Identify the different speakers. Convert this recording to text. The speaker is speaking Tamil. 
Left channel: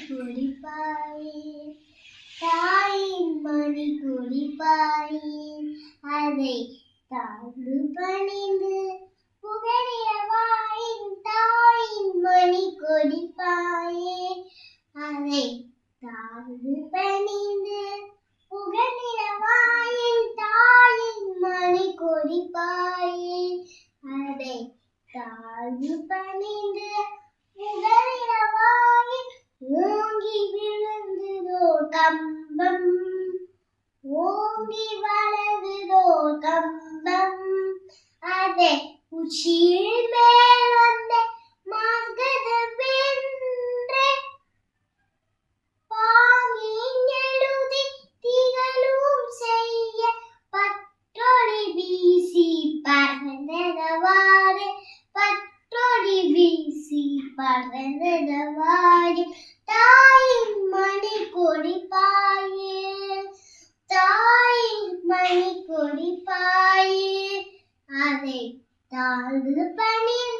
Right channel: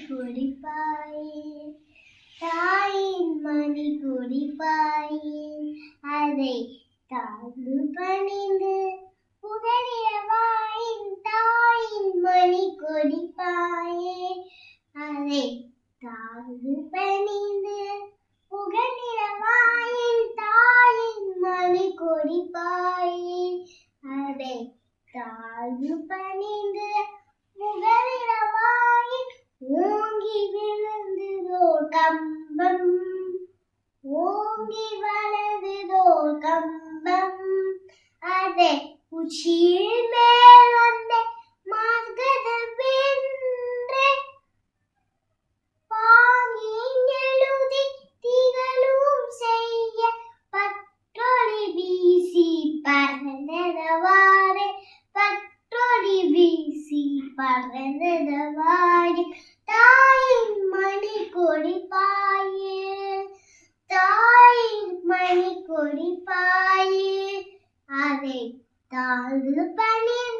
Speaker 1: குடிப்பாயே தாயின் மணி குடிப்பாயே அதை தாழ்ந்து பணிந்து புகழியவாயின் தாயின் மணி கொடிப்பாயே அதை தாழ்ந்து பணிந்து புகழியவாயின் தாயின் மணி கொடிப்பாயே அதை தாழ்ந்து பணிந்து പൊങ്ങി വളരുതോ കമ്പം. അതെ ഉച്ചിമേളന്റെ മകത വെന്റേ പാങ്ങിഞ്ഞെഴുതി பாயி. அதை தாழ்ந்து பணிந்து